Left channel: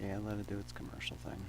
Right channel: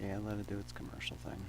Yeah, let it do its commercial thing.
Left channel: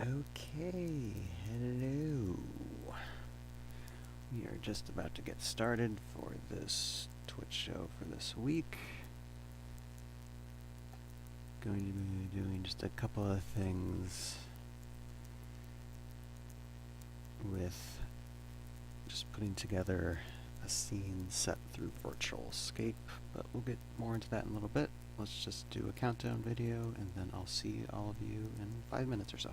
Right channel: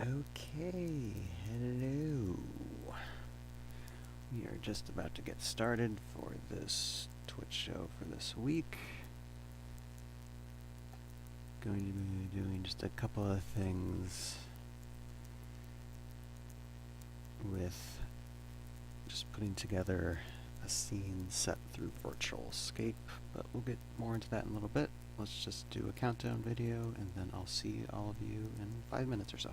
Okay, hello. We are just about to get started for this Twitch show for this week. Going to be doing just a couple of things with just putting together a scene set through Virtualscape, but we'll get more into that in a little bit. Let's just do a countdown video, and then I'll see all of you in 5 minutes or so.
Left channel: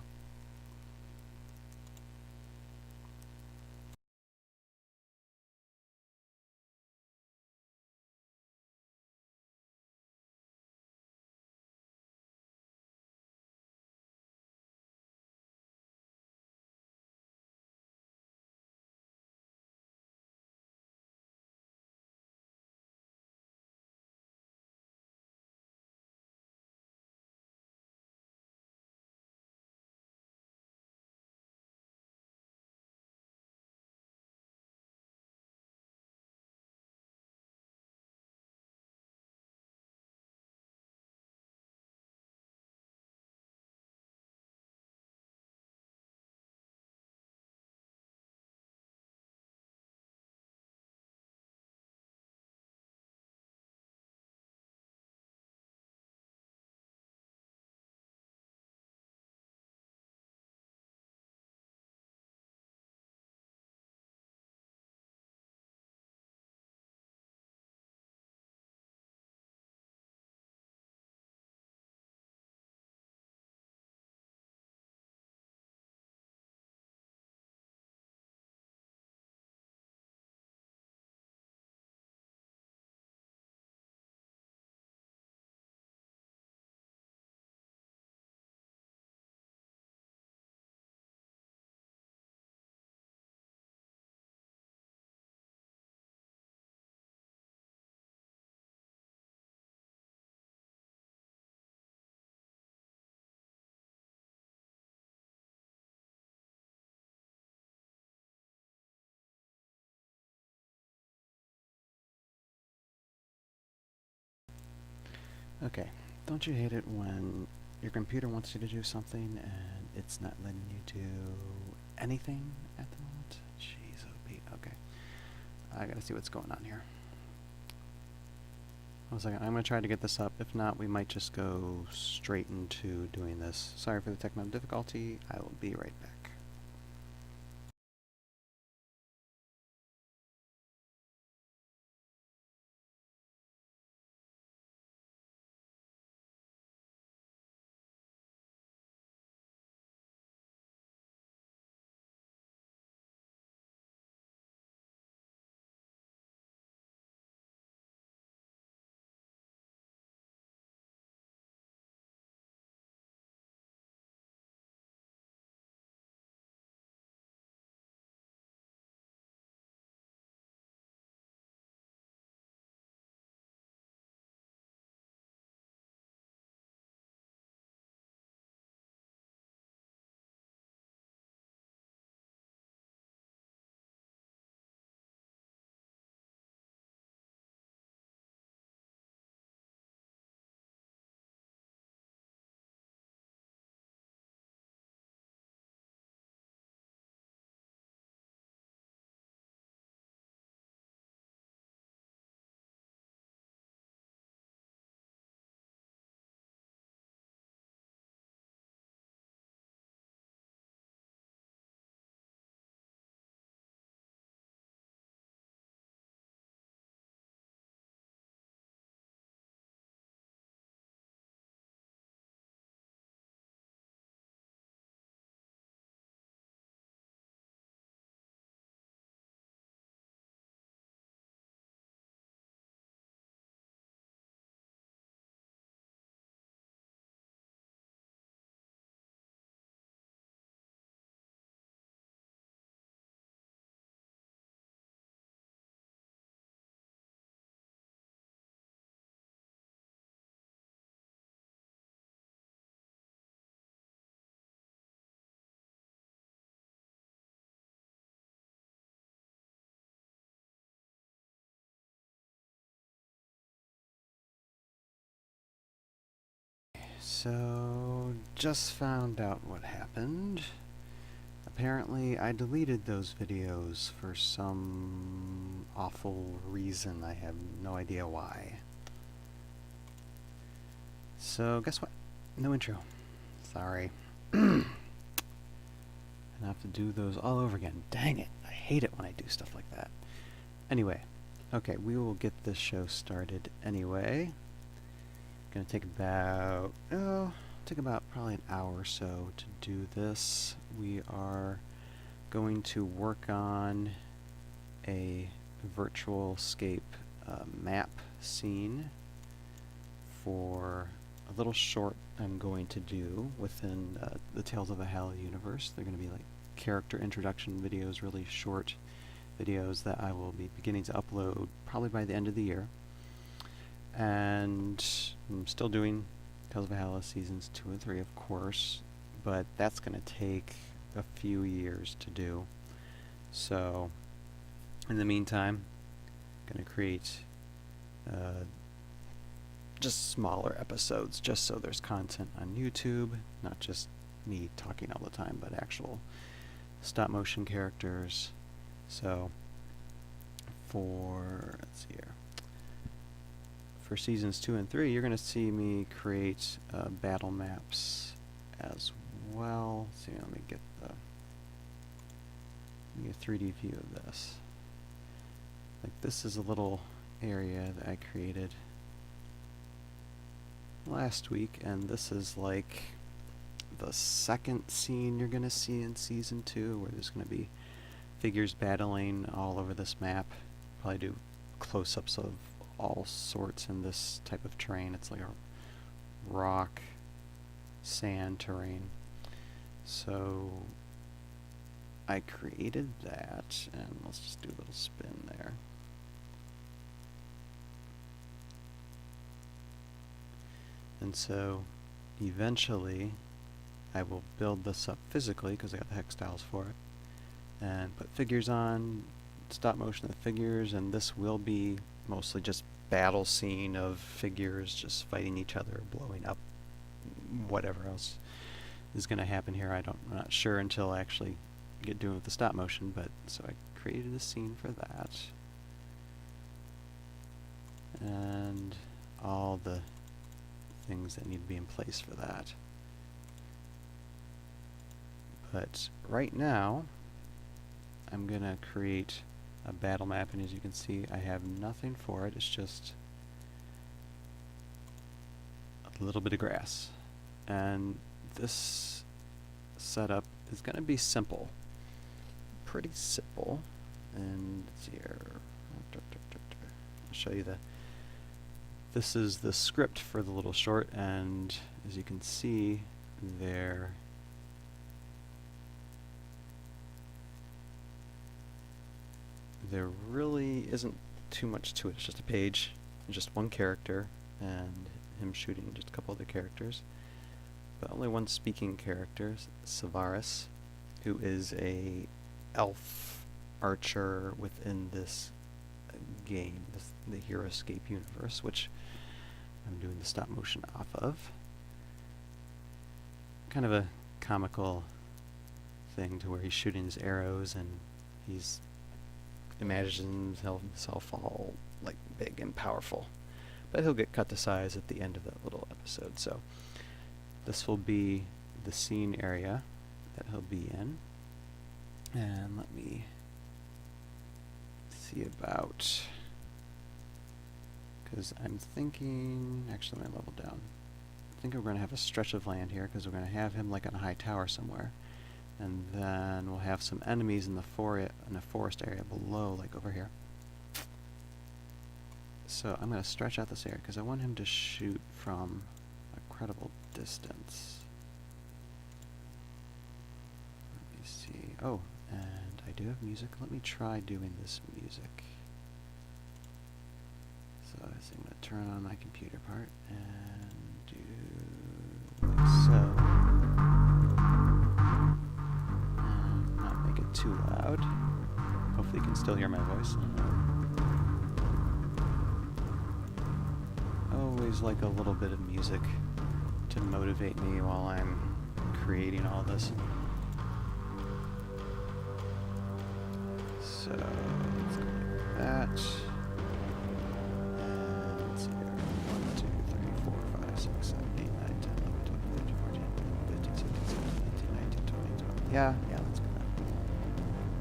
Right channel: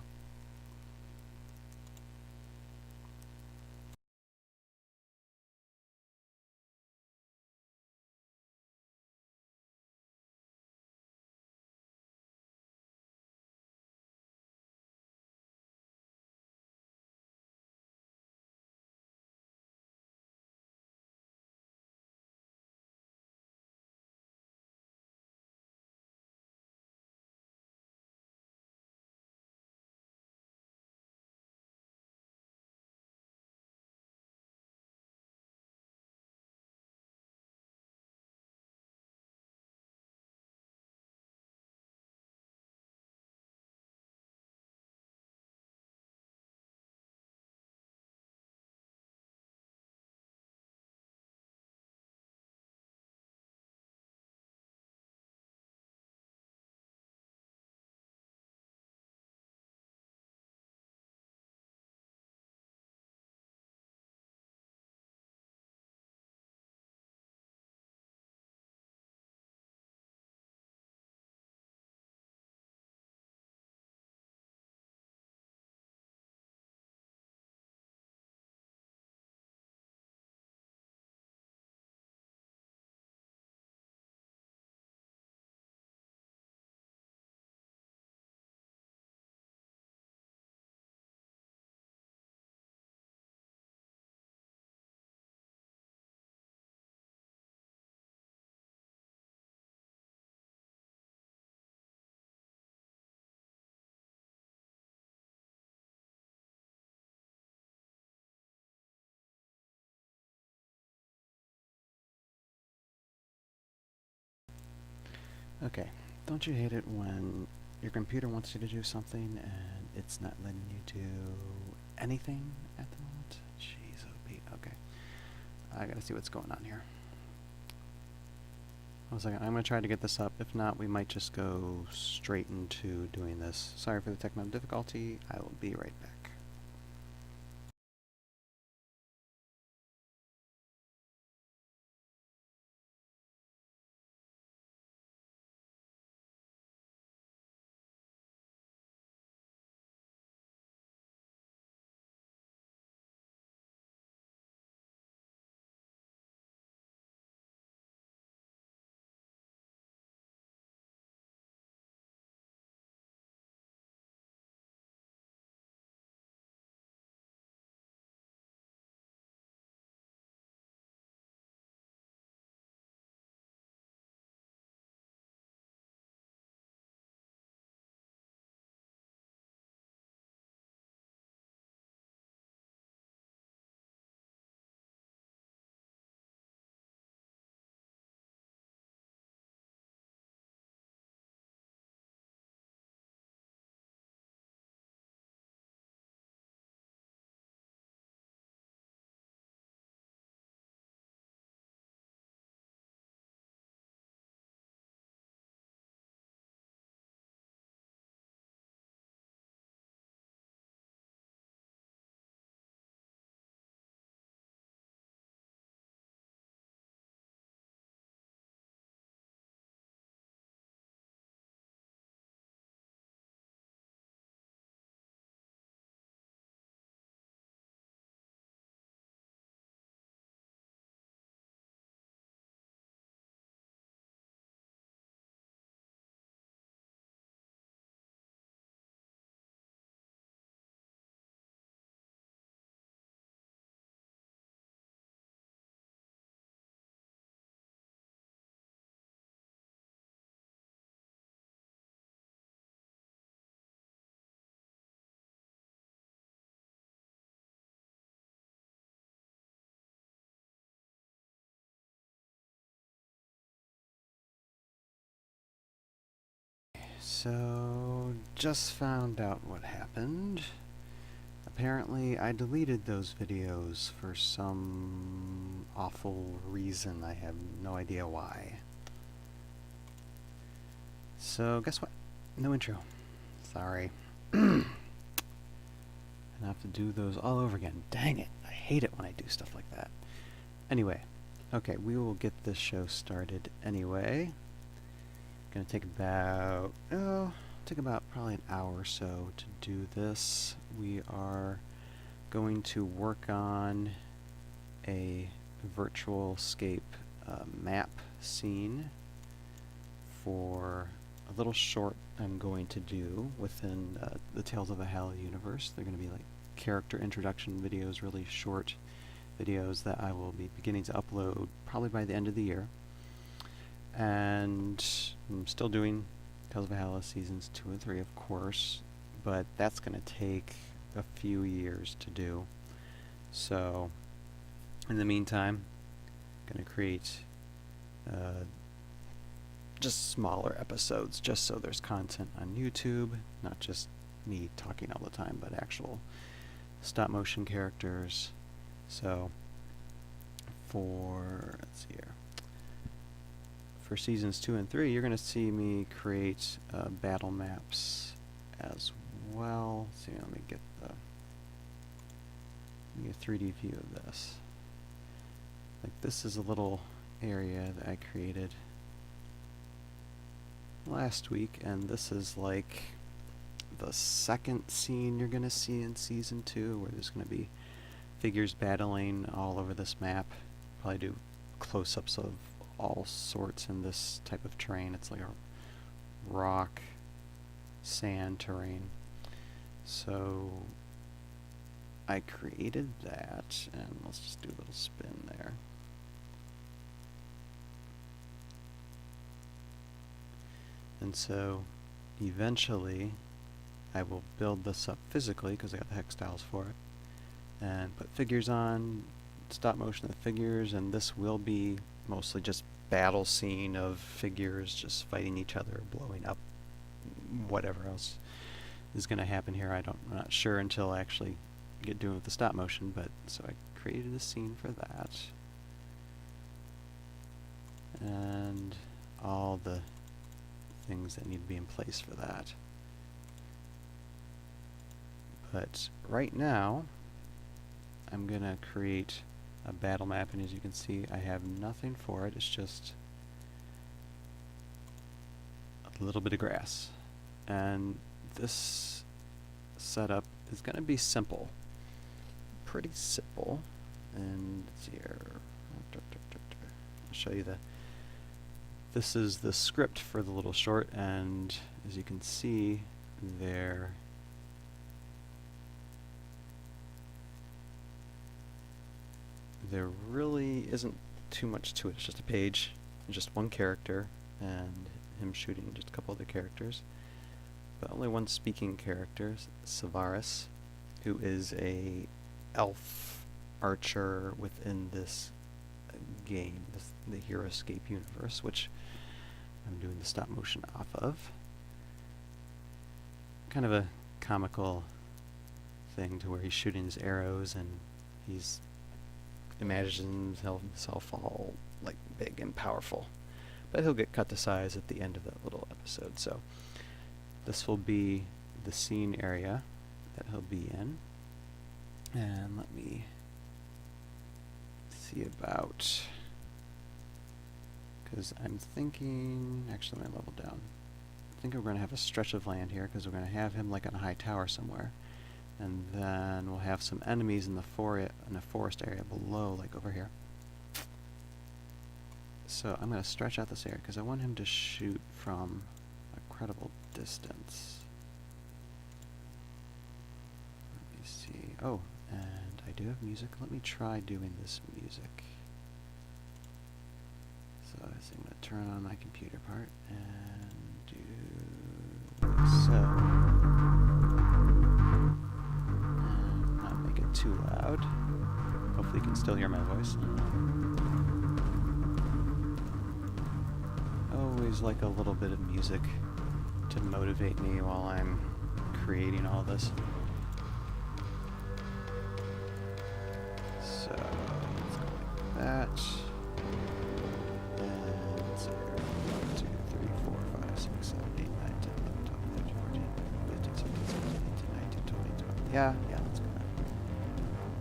Okay, don't you hate it when your computer wants you to do something and it's not letting you do anything at the moment? Jeez, Pete. Okay, I gotta see what's going on here. One second, I'm gonna try to get this up. If not, we might just go straight into doing this. Sorry for the technical difficulty. I will be right back. So, just found out what happened. Apparently, I deleted those videos for some awful reason. I have no idea why. So, guess what? No intro. Sorry. And I have to do those all over again. Dang it. I hate it when I do stuff like that. Anyway, okay, we will get this show started anyway. Gonna take about, probably an hour or so to do this. We are going to work on a Virtualscape map scene for a little short I'm going to do within the Tales of Valhalla universe. They're going to be like character introduction videos, really short videos that I will be beginning to upload probably by the end of the year. And I'm still doing Tales of Valhalla Seasons 2 and 3, of course, but that's going to take a few years to do. So, in the meantime, I'm going to create just smaller episodes, just so there's content on YouTube, not just me talking all the time, but actual stop-motion characters. So, let's see here. For Seasons 2 and 3, you're going to see me create battle maps as well. Let's see, let me get a 3D view of this. Like, this is a little area that I created last week, and this is like the second scene you're going to see in Season 2, where there's going to be figures battling all over this map. Probably do close-ups of all sorts in this type of terrain. It's like a rock, sand terrain. So I created that, and let's just do a little spin there. And so eventually I will build this up physically, because I got the hex tiles for it, and put figures on, stop motion of the figures, and this will be mostly just battle scene of figures just fighting each other, blowing up, whatever else is going to happen here. I'm not sure until I actually get doing with the stop motion, but so I created a scene for that. And all the things that need to be in place for that. But right now, I'm going to create a battle map, and as you can see, I have nothing for it. It's just a little bit of grass. And this setup is going to be simple. Pretty simple. And let's see here. I'll show you this is the script for the little short, and as you can see there, there really isn't too much to it. It's just a page, and just one character, and him shooting just a couple other characters. But only one speaking character, Savaris, who is a elf archer within this game, the Heroscape universe, which I'm doing the stop motion off of. Kind of a comical thing to where he's shooting his arrows, and he's imagines himself all like big and powerful, but he'll get cut to size at the end of that little episode. So this will be the scene area that he'll be in, and let me see about, because I'm thinking, actually let me level down. I think we're going to have a stretch of land here, because we're going to have him like on a high tower somewhere. And then we'll have some enemies in the forest area below, like over here. So I'm going to stretch out this area, because I want him to shoot from a credible distance. Let me see. Oh, and I do have music. Let me try doing this music. So I'm going to turn on my computer part and do like so. Too loud. Hopefully you can still hear my voice. Always like a little bit of music to motivate me while I'm creating all this. So let's go like that. And let's see here. 1, 2, 3, 4, 5, 6, 7, 8, 9, 10, 11, 12, 13, 14, 15, 16, 17, 18, 19, 20, 21. Yeah, that's good.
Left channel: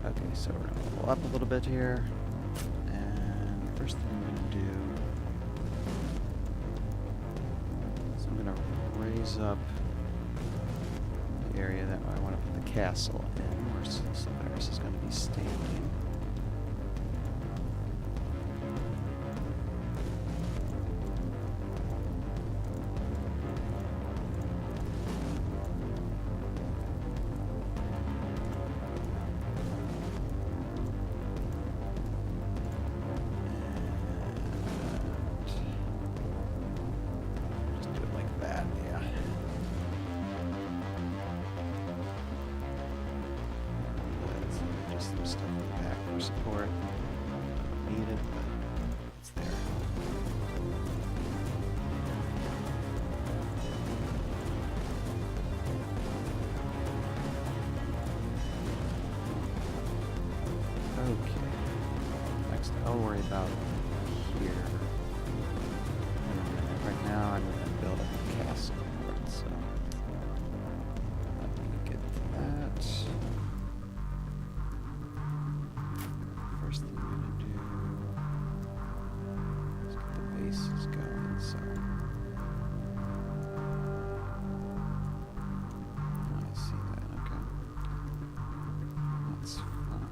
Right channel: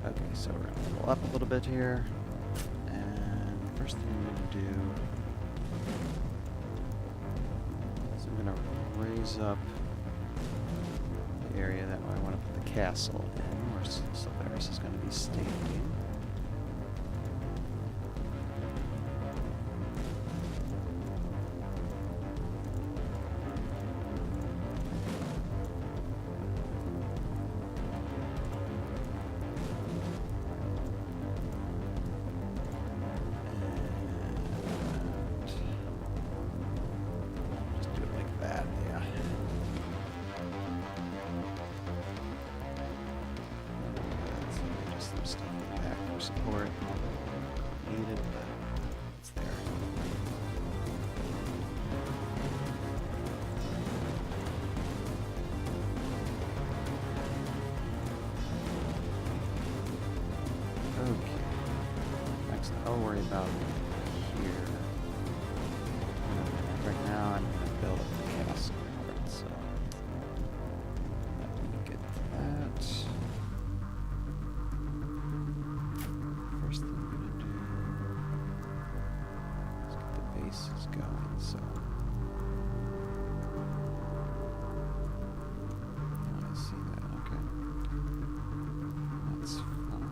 Okay, so we're gonna level up a little bit here. And first thing I'm gonna do is I'm gonna raise up the area that I want to put the castle in, where Sylvaris is going to be standing. Just do it like that, yeah. Some stuff in the back for support. Don't need it, but it's there. Okay. Next, I'll worry about here in a minute. Right now, I'm going to build up the castle part, so let me get to that. First thing I'm going to do is get the bases going, so I see that, okay. That's fine.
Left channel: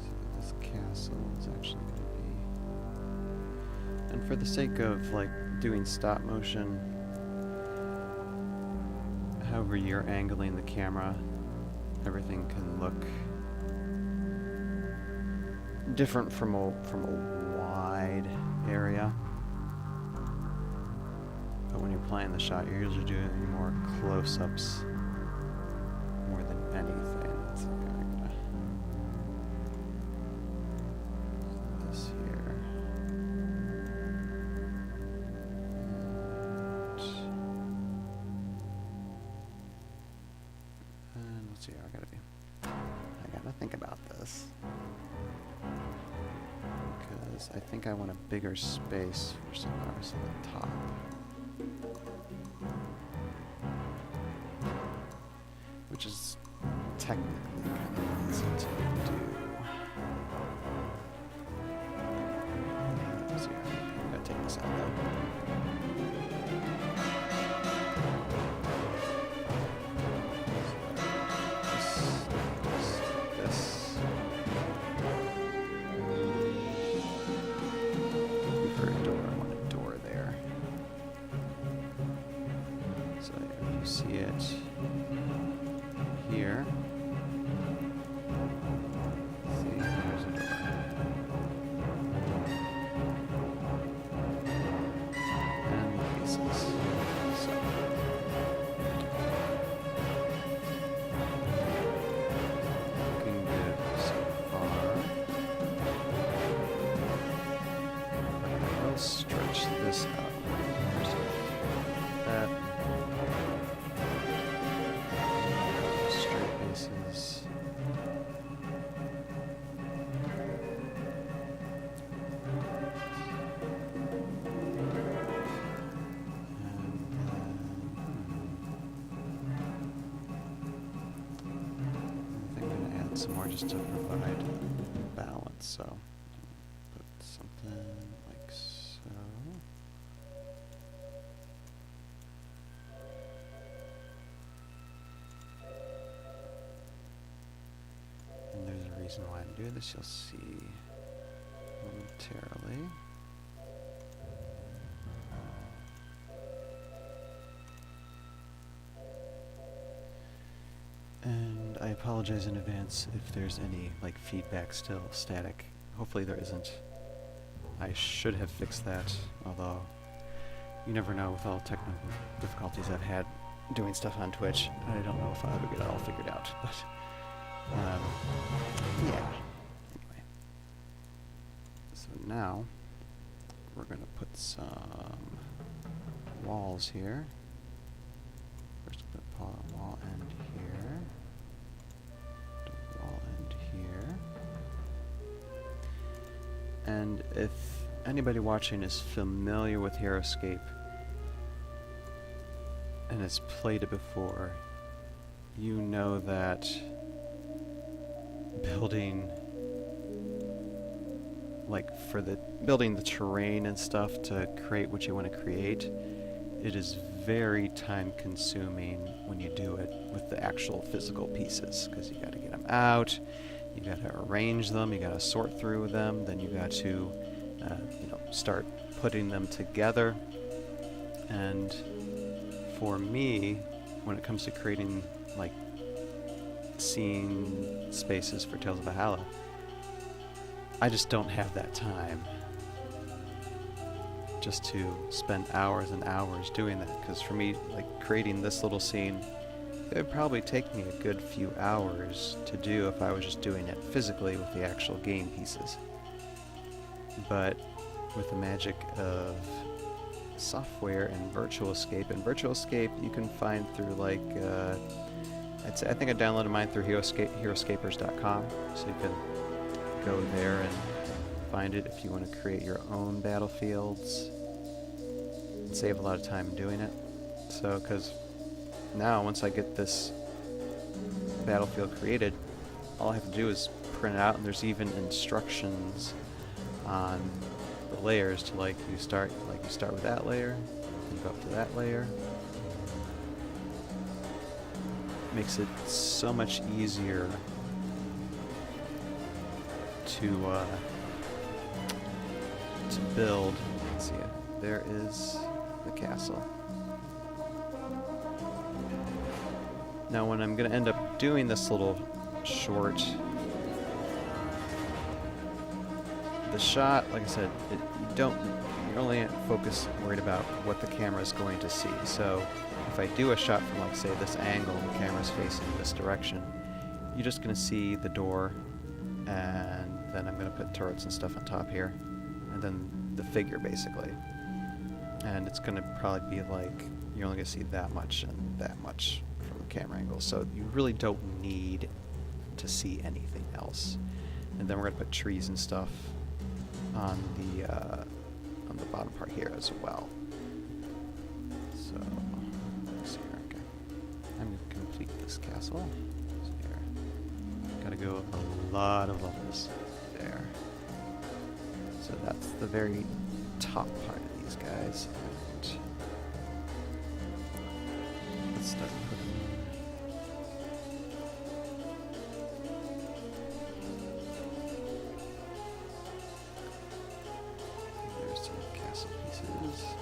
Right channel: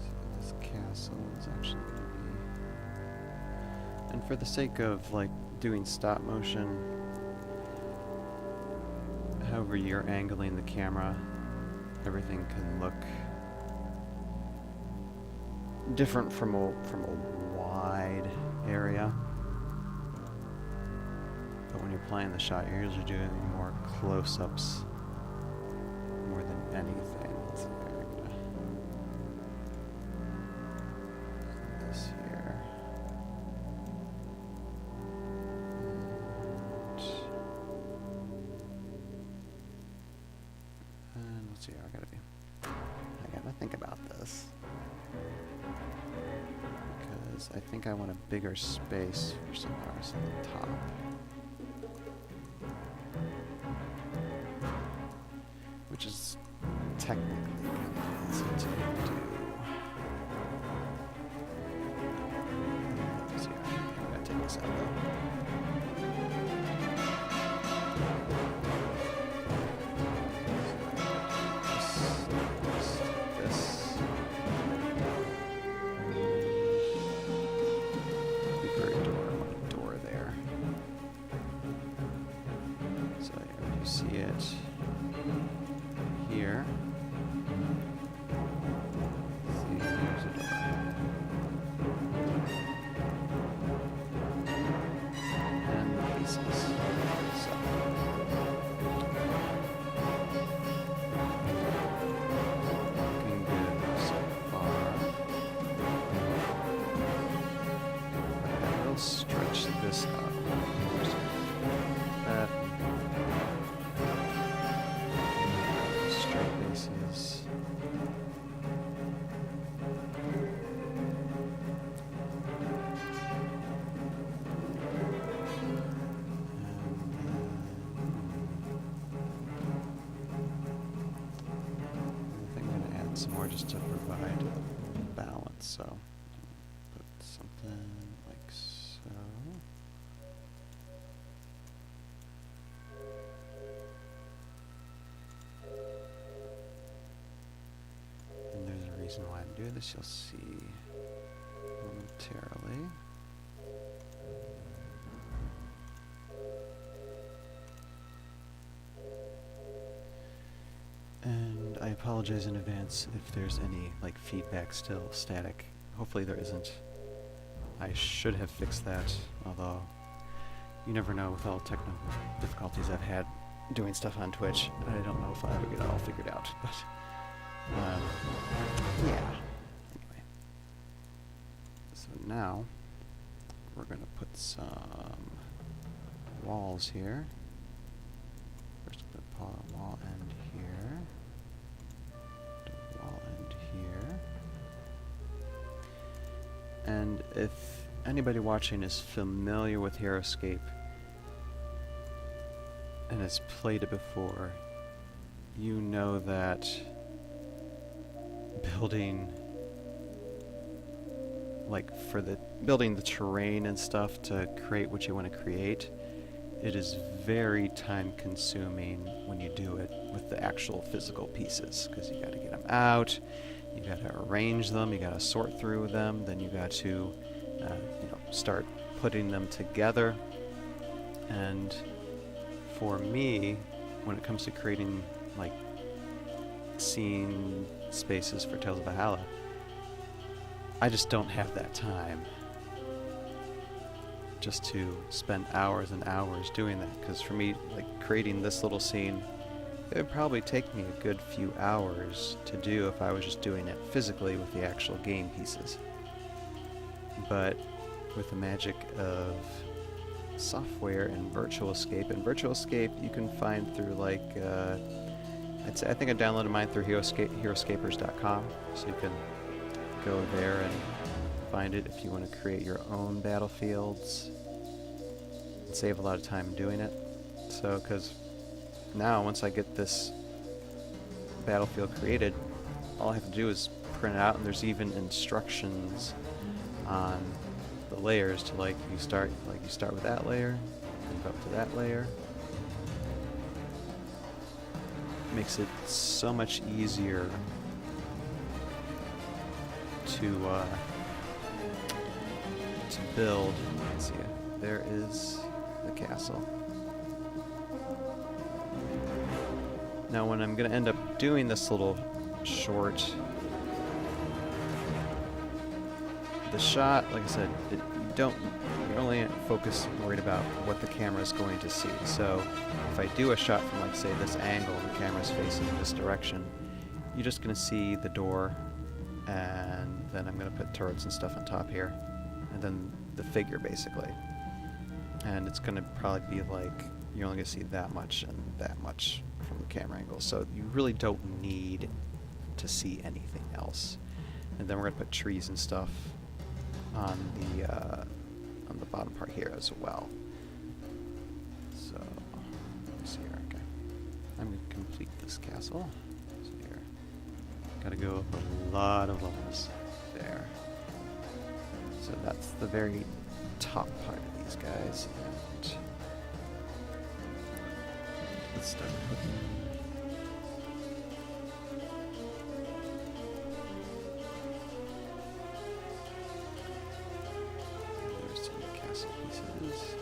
See what this castle is actually going to be. And for the sake of like doing stop motion, however you're angling the camera, everything can look different from a wide area. But when you're playing the shot, you're usually doing more close-ups more than anything. Let's see, I'm gonna do this here. And let's see how I gotta think about this. Because I think I want a bigger space for Solaris on the top. Which is technically kind of easy to do. Let's see, I gotta take this out though. This. For a door, I want a door there. So here, you see it here. See, there's a door. And the pieces. So. Looking good so far. But I will stretch this out. That. Straight bases. Some more just to provide balance, so put something like so. And there's a reason why I'm doing this, you'll see momentarily. And I apologize in advance if there's any like feedback still static. Hopefully there isn't. I should have fixed that, although you never know with all technical difficulties I've had doing stuff on Twitch. I don't know if I'll ever get it all figured out, but yeah. Anyway, so now we're gonna put some walls here. First, I'm gonna put a wall end here, put a wall end here, and if anybody watching is familiar with Heroscape and has played it before, you know that building, like for the building the terrain and stuff to create what you want to create, it is very time consuming when you do it with the actual physical pieces, because you got to get them out, you got to arrange them, you got to sort through them, then you got to start putting them together. And for me, when it comes to creating like scene spaces for Tales of Valhalla, I just don't have that time just to spend hours and hours doing that. Because for me, like creating this little scene, it would probably take me a good few hours to do if I was just doing it physically with the actual game pieces. But with the magic of software and Virtualscape you can find through like I think I downloaded mine through Heroscapers.com, so you can go there and find it if you want to create your own battlefields and save a lot of time doing it. So because now once I get this battlefield created, all I have to do is print it out, and there's even instructions on the layers to you start with that layer, then go up to that layer. Makes it so much easier to build. Let's see, there is the castle. Now when I'm going to end up doing this little short, the shot, like I said, you're only worried about what the camera is going to see. So if I do a shot from like say this angle and the camera's facing in this direction, you're just going to see the door, and then I'm going to put turrets and stuff on top here, and then the figure basically. And it's going to probably be like you're only going to see that much and that much from the camera angle, so you really don't need to see anything else. And then we're going to put trees and stuff on the bottom part here as well. So let's see here. Okay, I'm going to complete this castle. So here, got to go up a lot of levels there. So that's the very top part of these guys, and let's start putting. There's some castle pieces.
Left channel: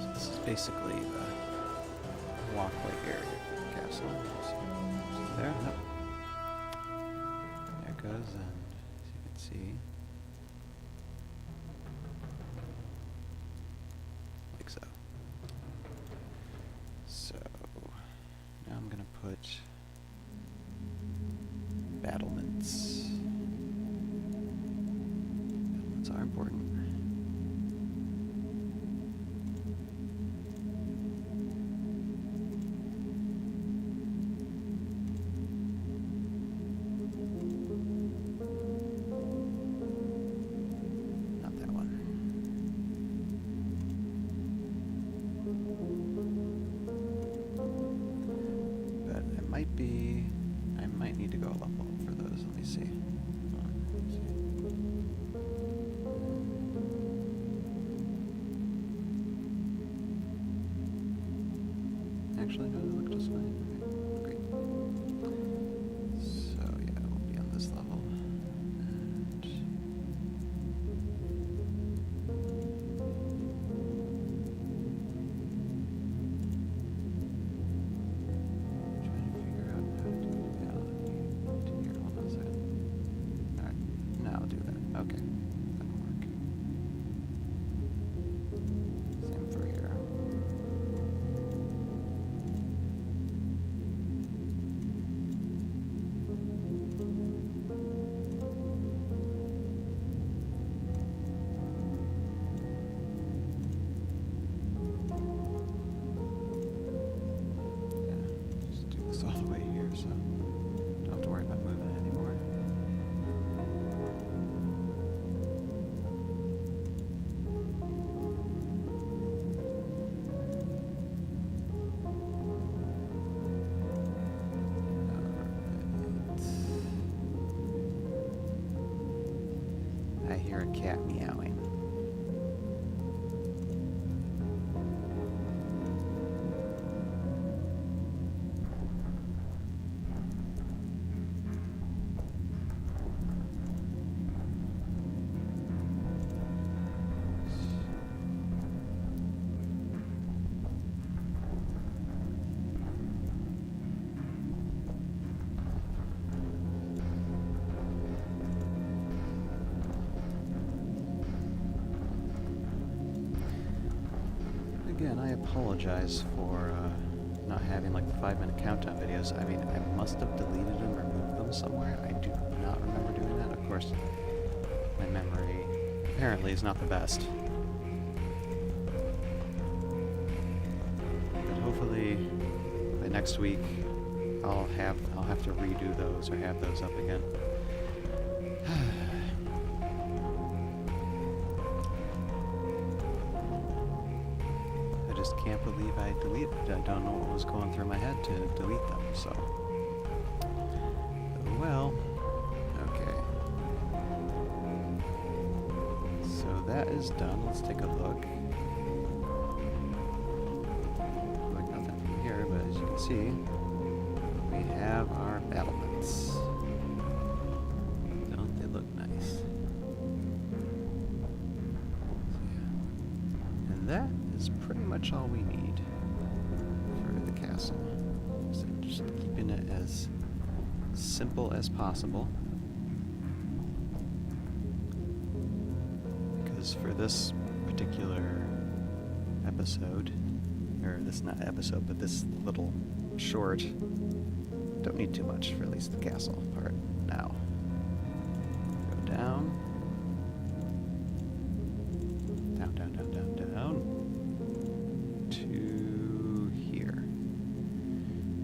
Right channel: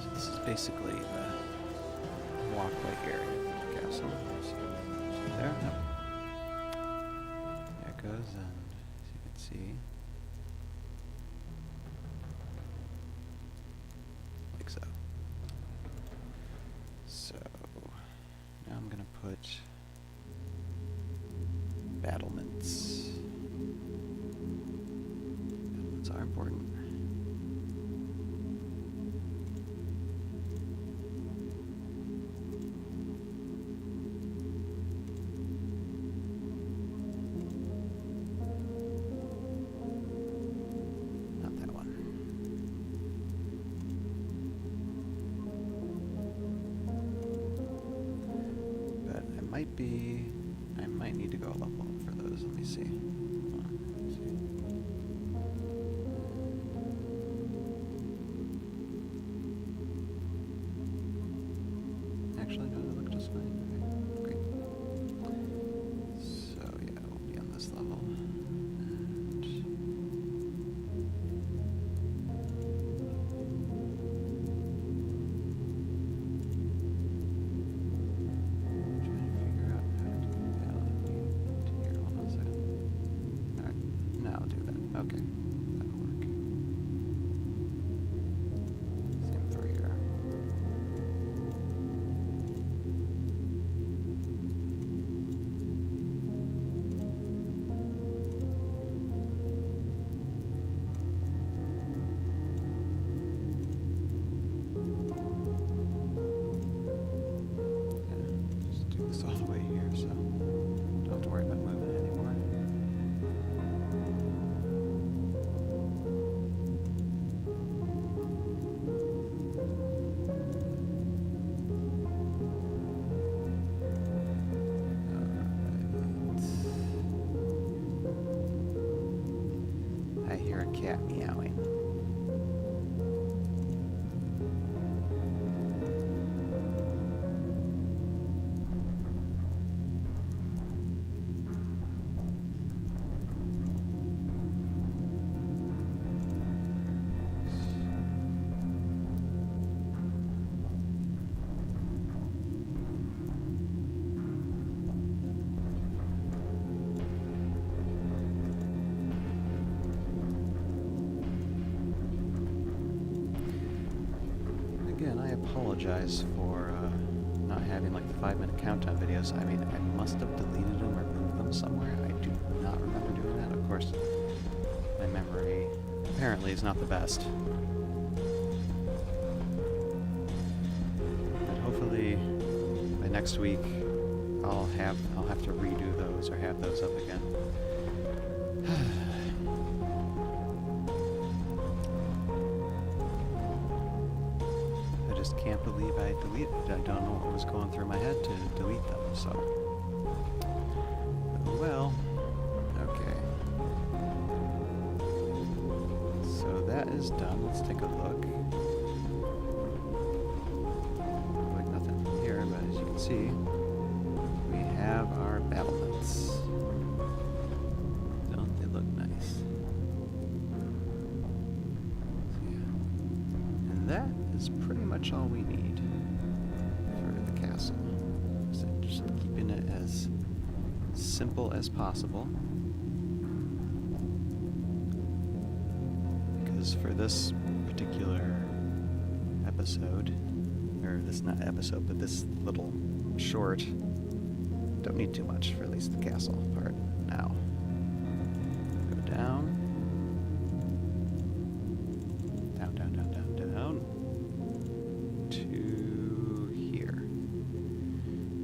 So this is basically the walkway area of the castle. So there, yep. There it goes, and as you can see, like so. So now I'm gonna put battlements. Battlements are important. Not that one. But I might need to go a level up for those. Let me see. Actually, no, they look just fine. Okay, great. So yeah, we'll be on this level. And trying to figure out how to do that here. Hold on a second. Alright, now I'll do that. Okay, that'll work. I hear a cat meowing. Again, I apologize for not having like the 5-minute countdown videos. I mean, I must have deleted them or moved them somewhere. I do not remember doing that. Of course, my memory apparently is not the best. But hopefully by next week I'll have to redo those or have those up again. I just can't believe I deleted it. I don't know what was going through my head to delete them, so. Well, okay. So that is done. Let's take a look. Like nothing from here, but as you can see, we have our battlements. Don't they look nice? So, yeah. And that is pretty much all we need for the castle. So just keeping it as simple as possible. Because for this particular episode, or this not episode, but this little short, don't need too much for at least the castle part now. Go down. Down, down, down, down, down. To here.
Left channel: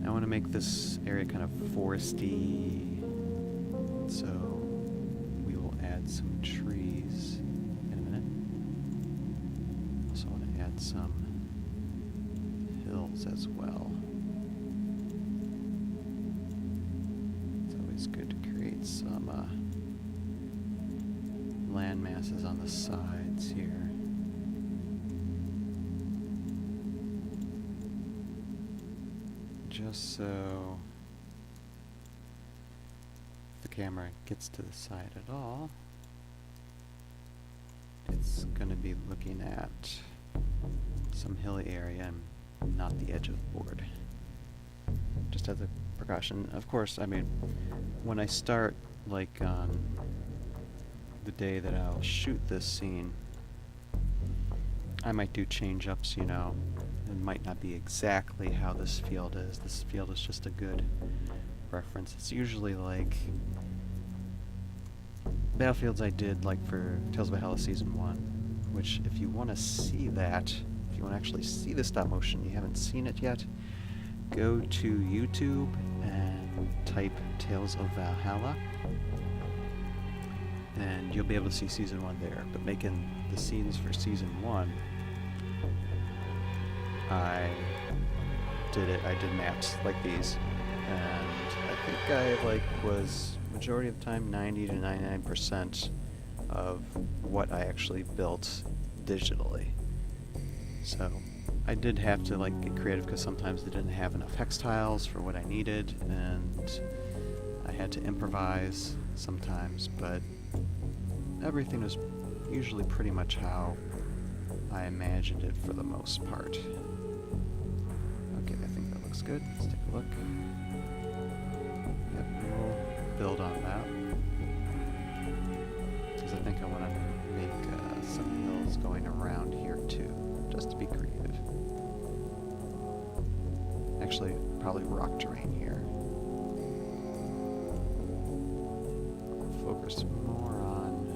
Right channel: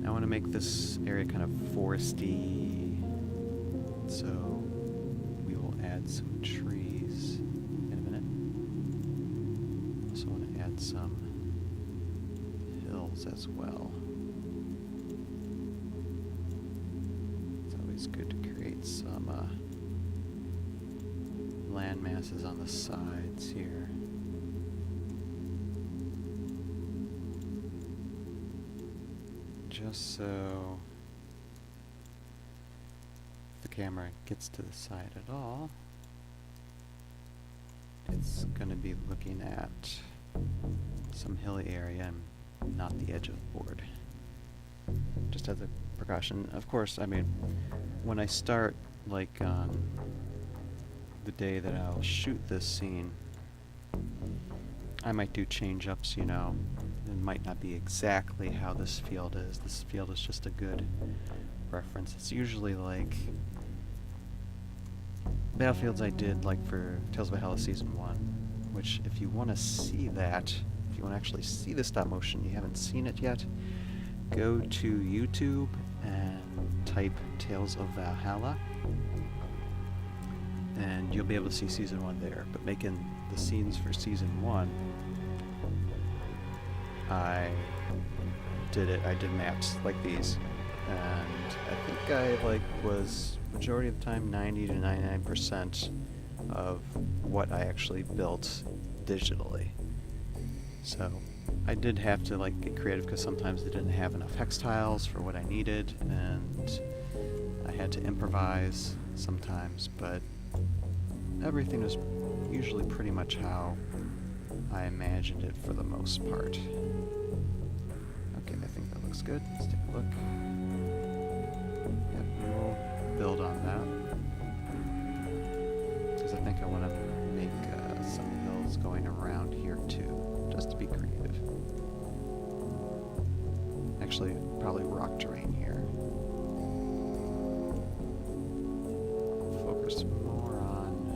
I want to make this area kind of foresty, so we will add some trees in a minute. Also want to add some hills as well. It's always good to create some land masses on the sides here. Just so if the camera gets to the side at all, it's going to be looking at some hilly area and not the edge of the board. Just as a precaution. Of course, I mean, when I start, like on the day that I'll shoot this scene, I might do change-ups, you know. It might not be exactly how this field is. This field is just a good reference. It's usually like battlefields I did like for Tales of Valhalla Season 1, which if you want to see that, if you want to actually see the stop motion, you haven't seen it yet, go to YouTube and type Tales of Valhalla, and you'll be able to see Season 1 there. But making the scenes for Season 1, I did maps like these, and I think I was majority of the time 90 to 99% of what I actually built digitally. So I did have to get creative because sometimes they didn't have enough hex tiles for what I needed, and I had to improvise sometimes, but everything was usually pretty much how I imagined it for the most part. Okay, I think that looks good. Let's take a look. Yep, we'll build on that. Because I think I want to make some hills going around here too, just to be creative. Actually, probably rock terrain here. Focus more on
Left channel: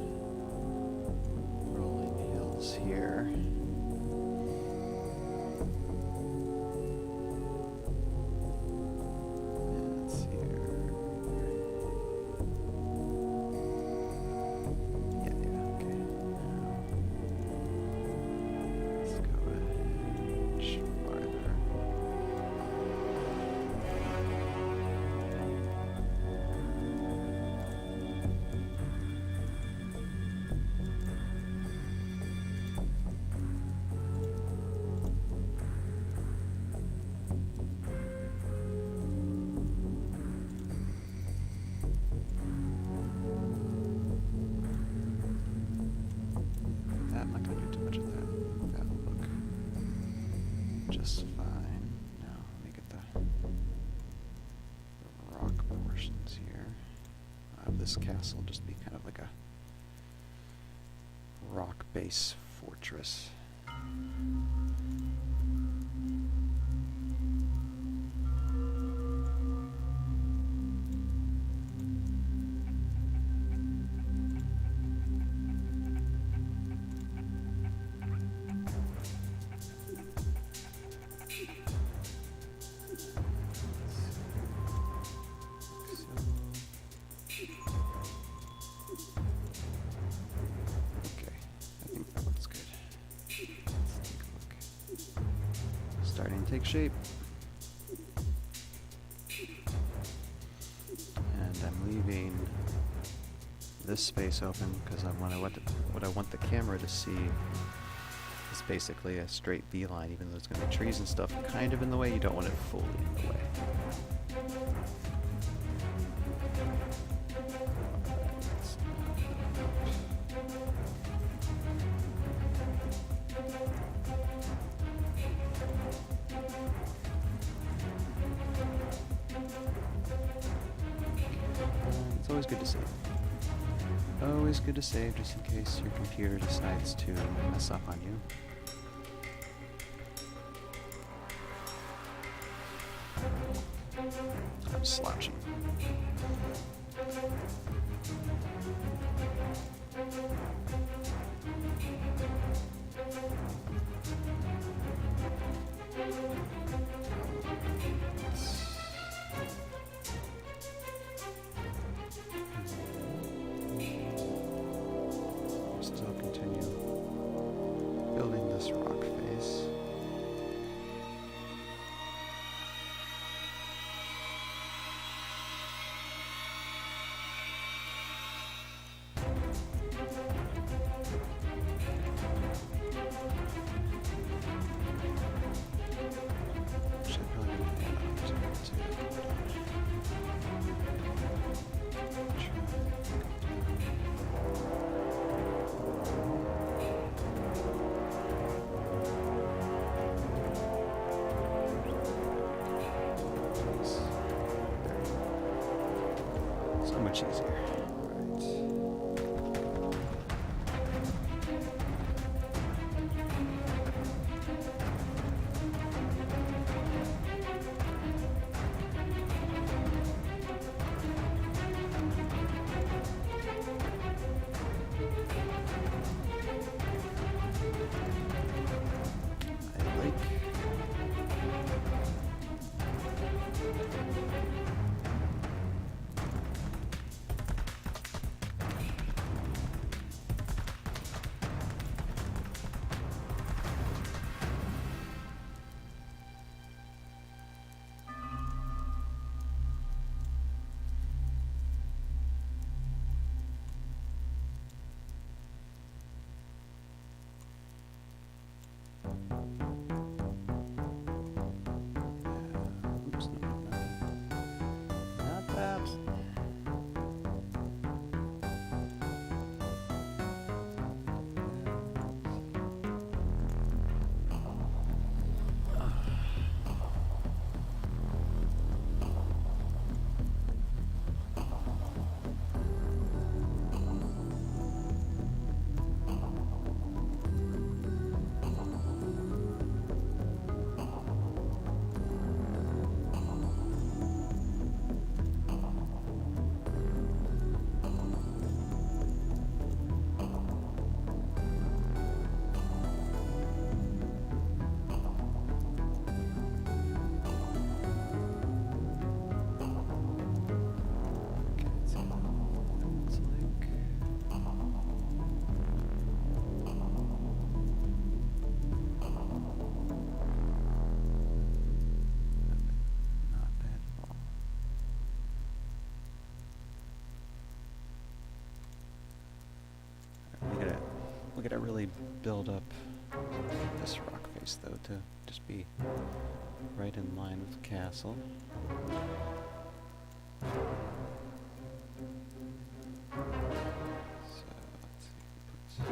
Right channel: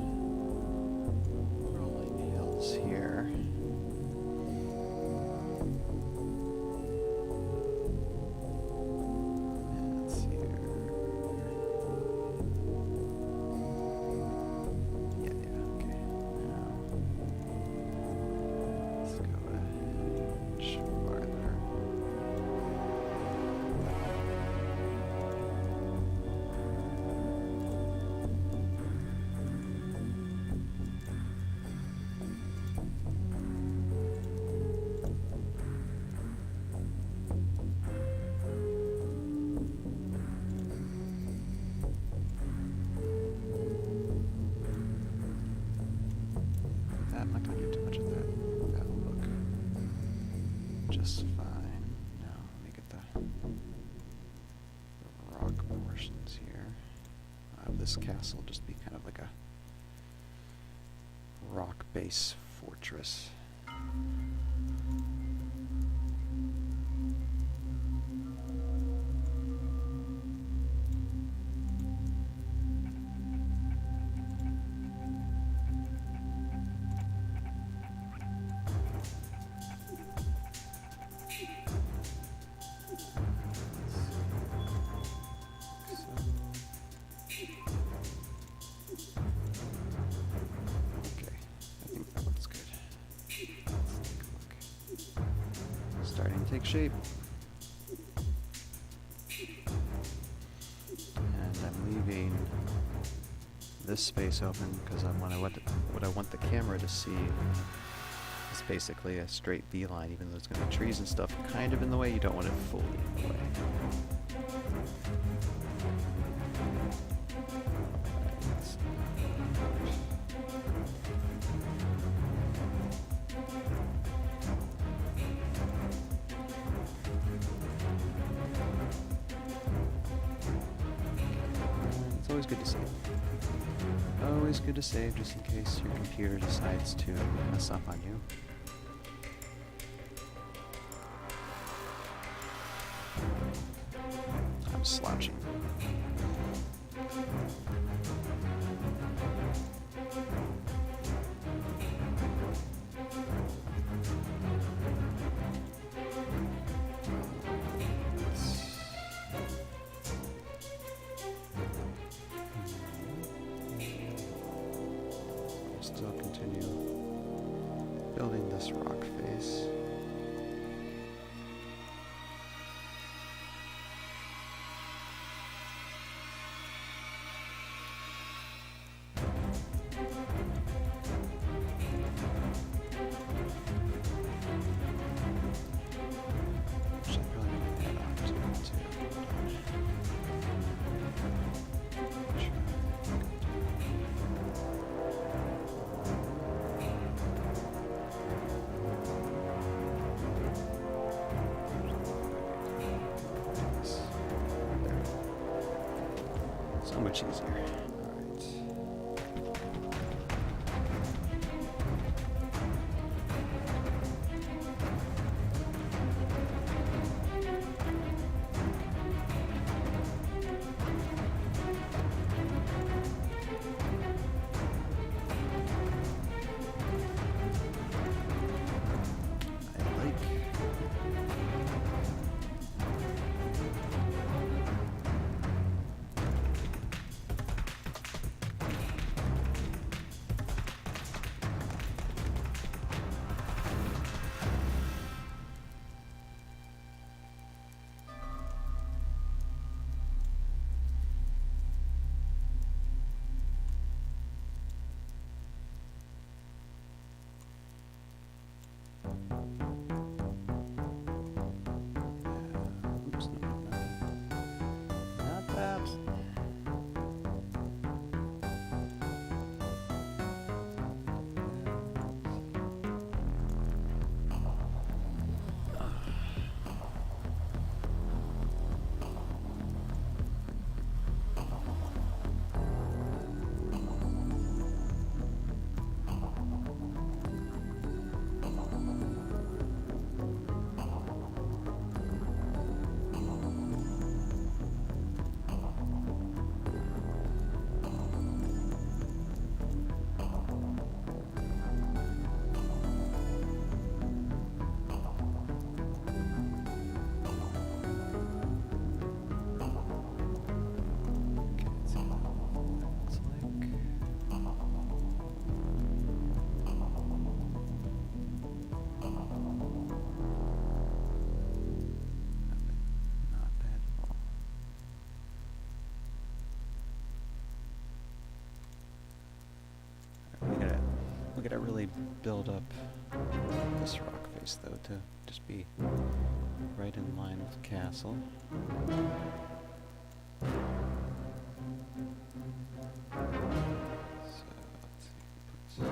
rolling hills here. I'm not going to do too much of that. That will look just fine. Now, let me get the rock portions here. This castle just be kind of like a rock base fortress. Starting to take shape. And I'm leaving this space open because what I want the camera to see is basically a straight V line, even though there's going to be trees and stuff kind of in the way. You don't want it fully in the way. It's always good to save. Always good to save just in case your computer decides to mess up on you. I'm slouching. Still continue building this rock face. Actually, I'm probably going to add on to it too. So much easier. We gotta really build up this rock face though to just be right in line with the castle. So let's see.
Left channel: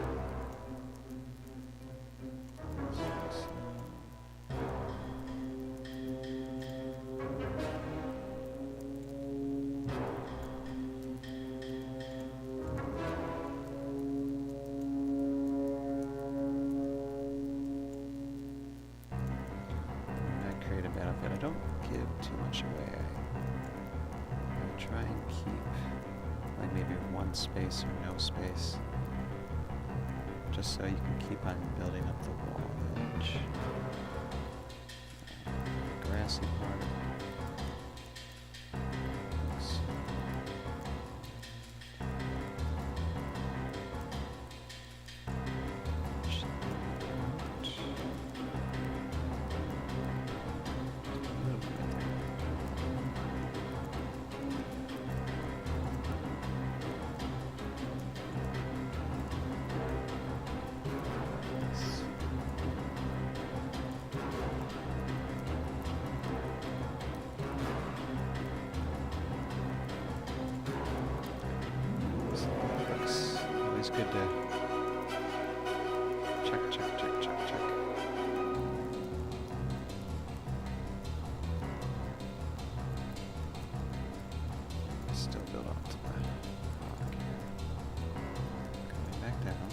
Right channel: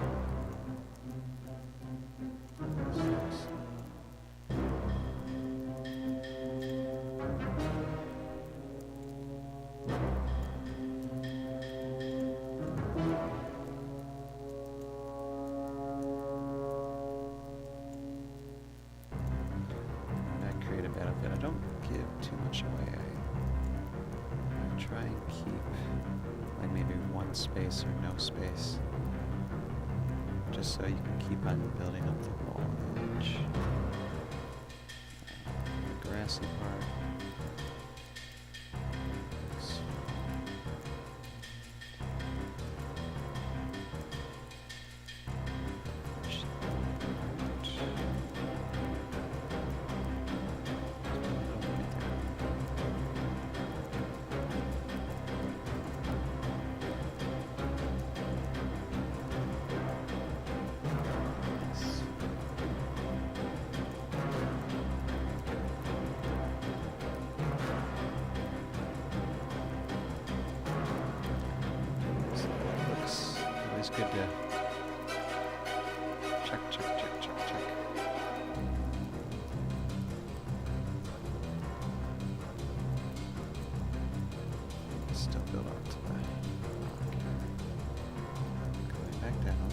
don't give too much away. I try and keep like maybe one space or no space, just so you can keep on building up the wall edge. The grassy part. It's good to check. Still build up to the rock here. Going back down.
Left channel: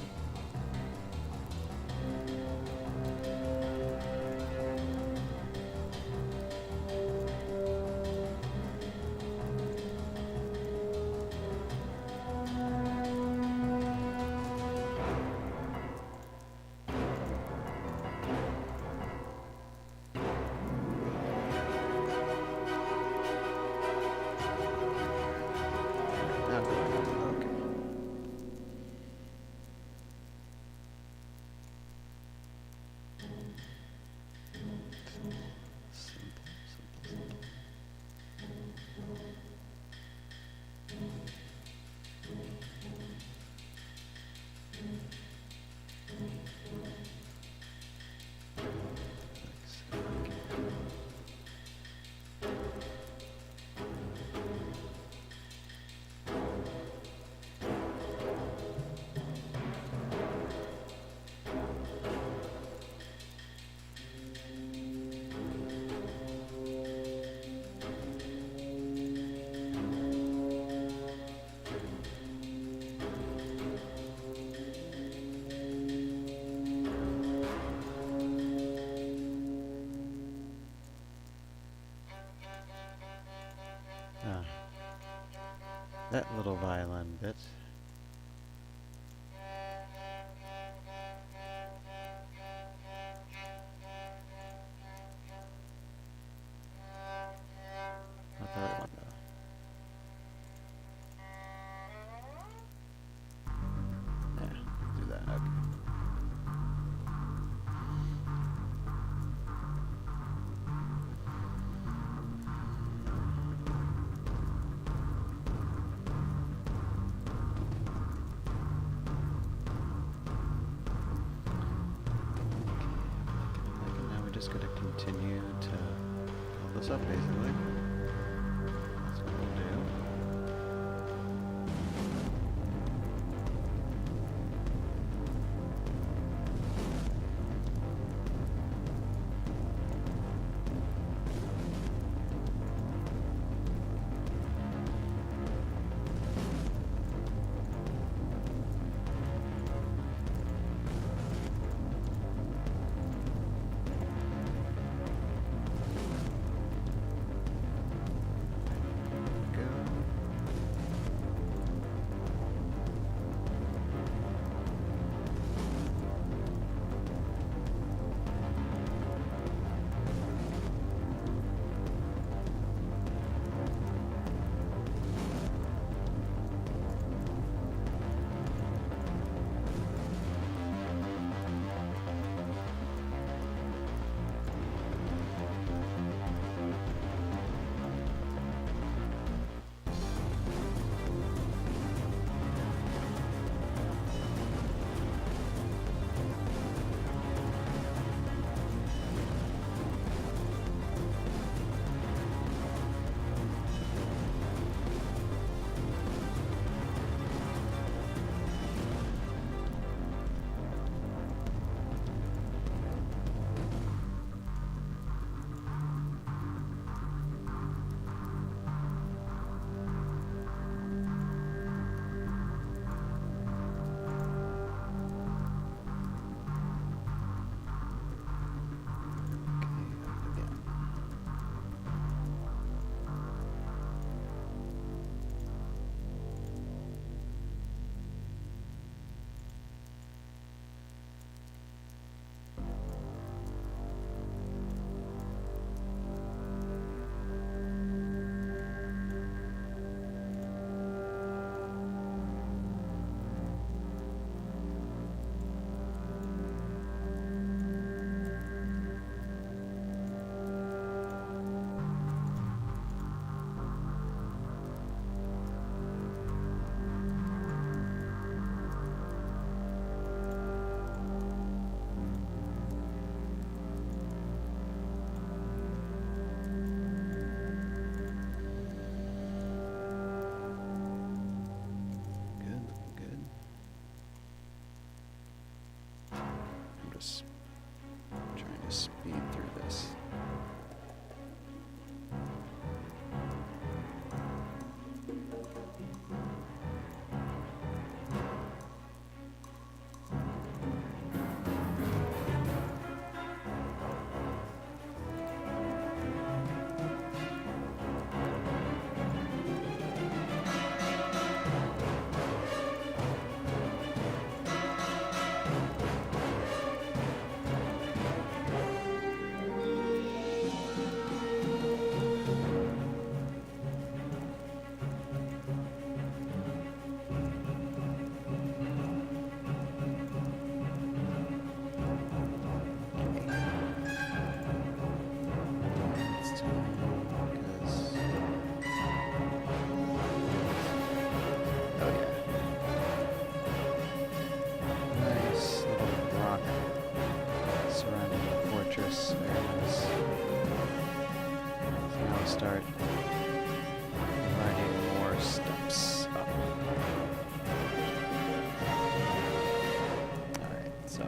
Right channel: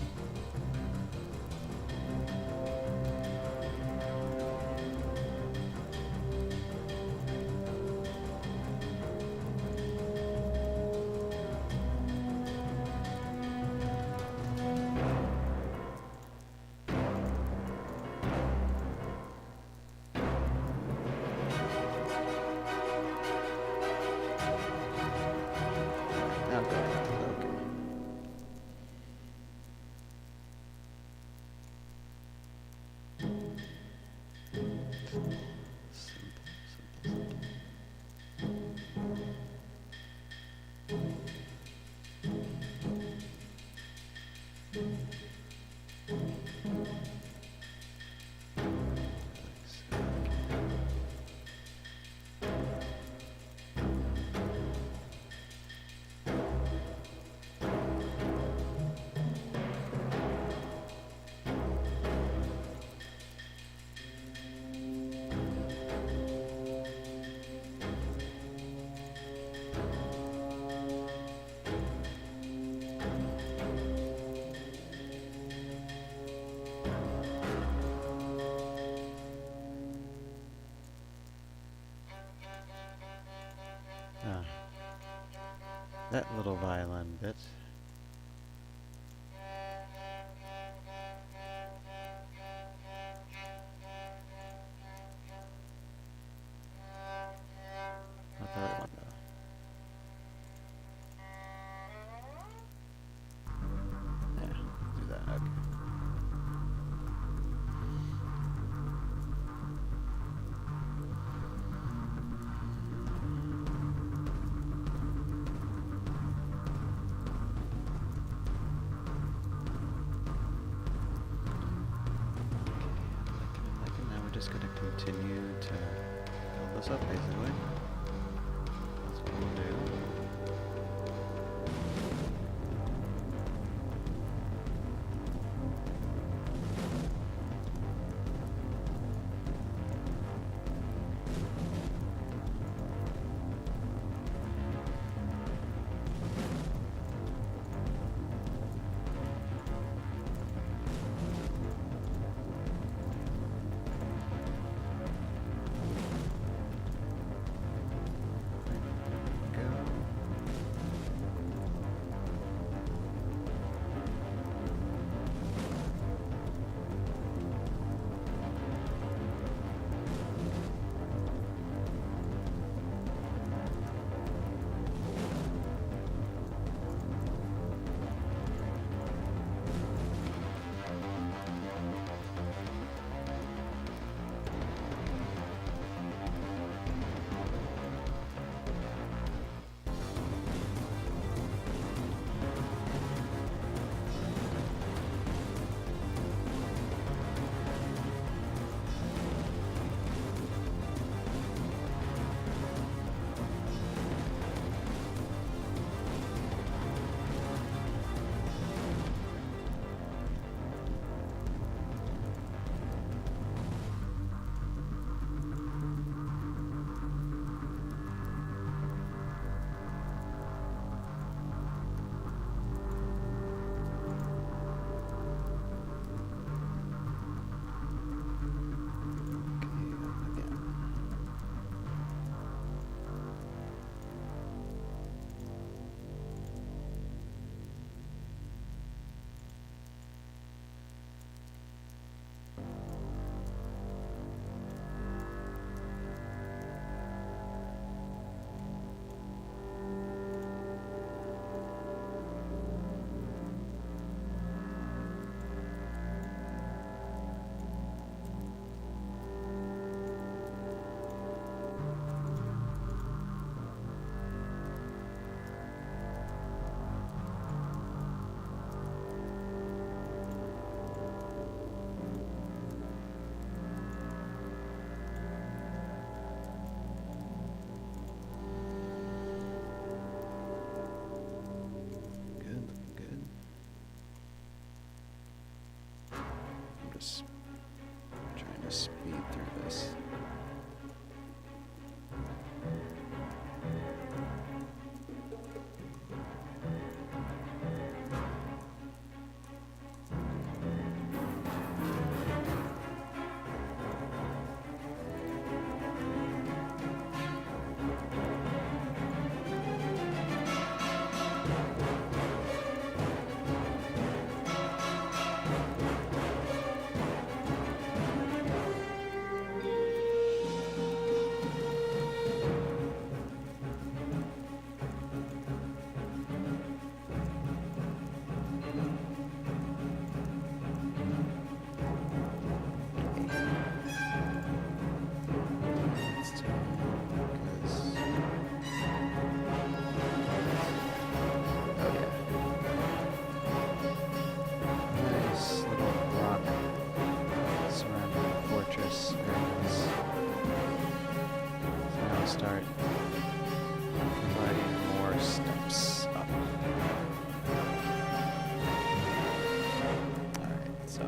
Now going up, okay. Simple. That little violin bit. Not the right one though. Yeah, do that, okay. Just going to continue to build this up, basically. That's what we'll do. just trying to speed through this. Surrounding the fortress, very nice. So now we'll start providing more steps up. Alright, so.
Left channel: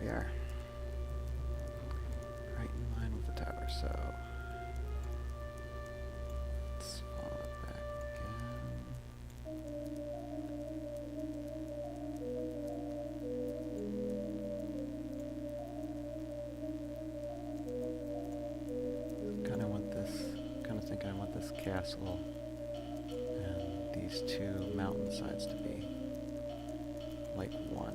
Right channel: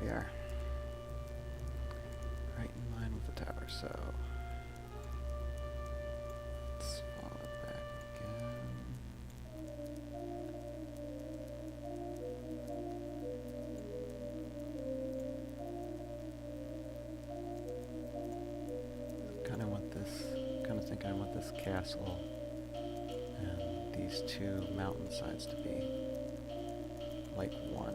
We are right in line with the tower, so let's follow it back again. Kind of think I want this castle and these two mountainsides to be like one.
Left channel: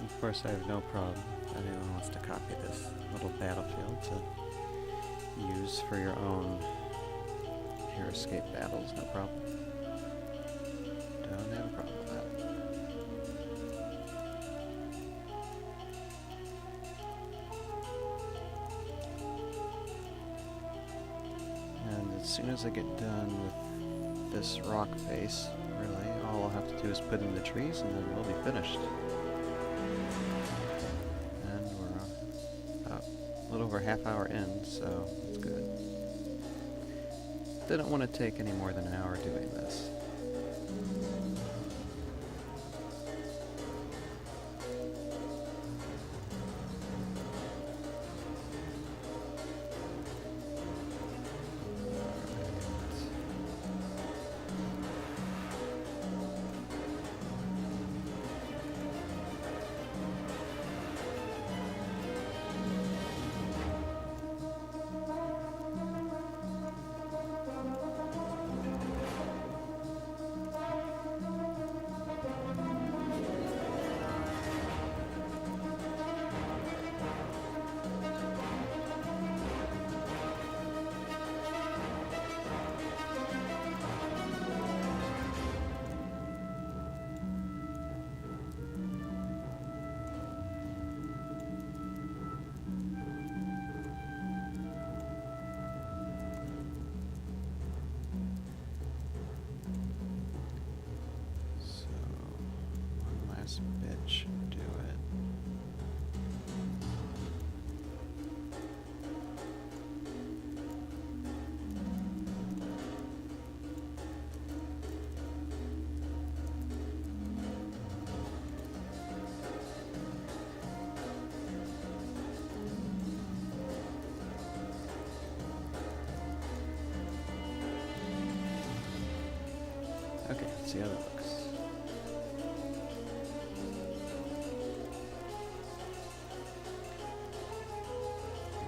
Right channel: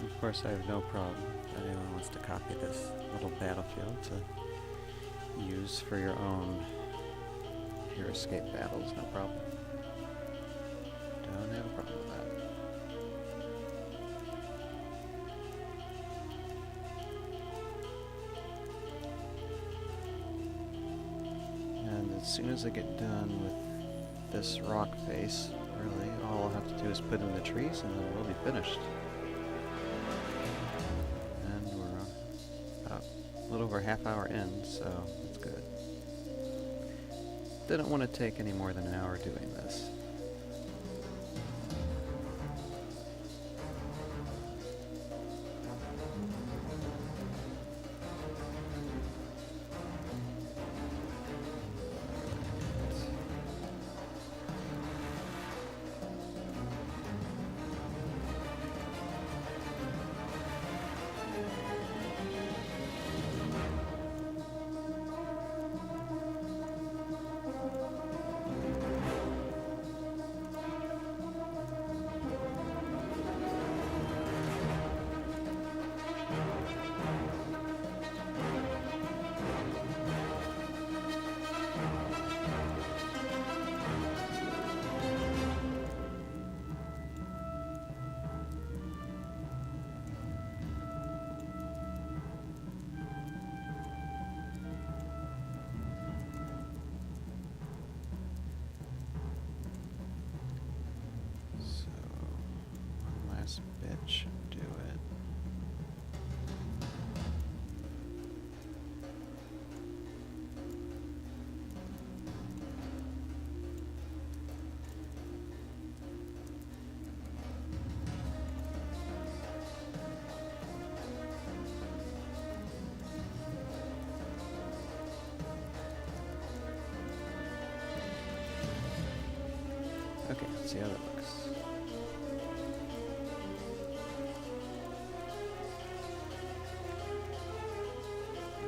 Of course, I have no problem if anyone wants to copy this little battlefield to use for your own Heroscape battles, no problem. Don't have a problem with that. And as soon as I get done with this rock face, really, all I'll have to do is put in the trees and then we'll be finished. A little over half hour in, so that's good. Didn't want to take any more than an hour doing this. this bit should do it. Okay, let's see how that looks.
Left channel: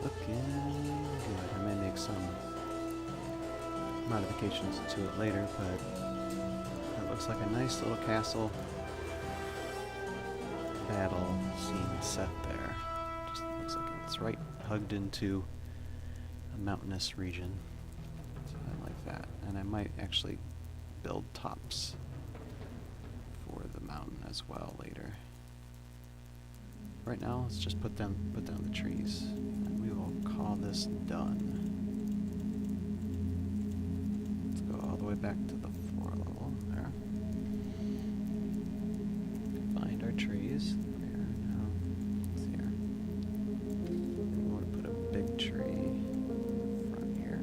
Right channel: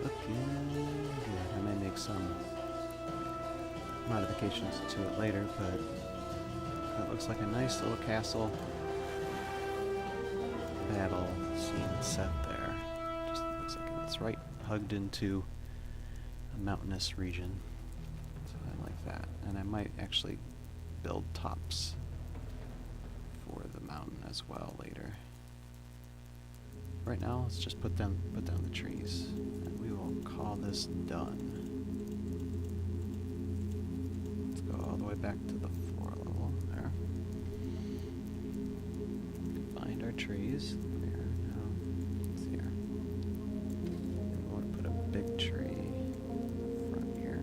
Looking good. I may make some modifications to it later, but that looks like a nice little castle battle scene set there. Just looks like it's right hugged into a mountainous region. So I like that. And I might actually build tops for the mountain as well later. Right now, let's just put down the trees, and we will call this done. Let's go all the way back to the floor level there. Find our trees. There, no, it's here. And we want to put a big tree front here.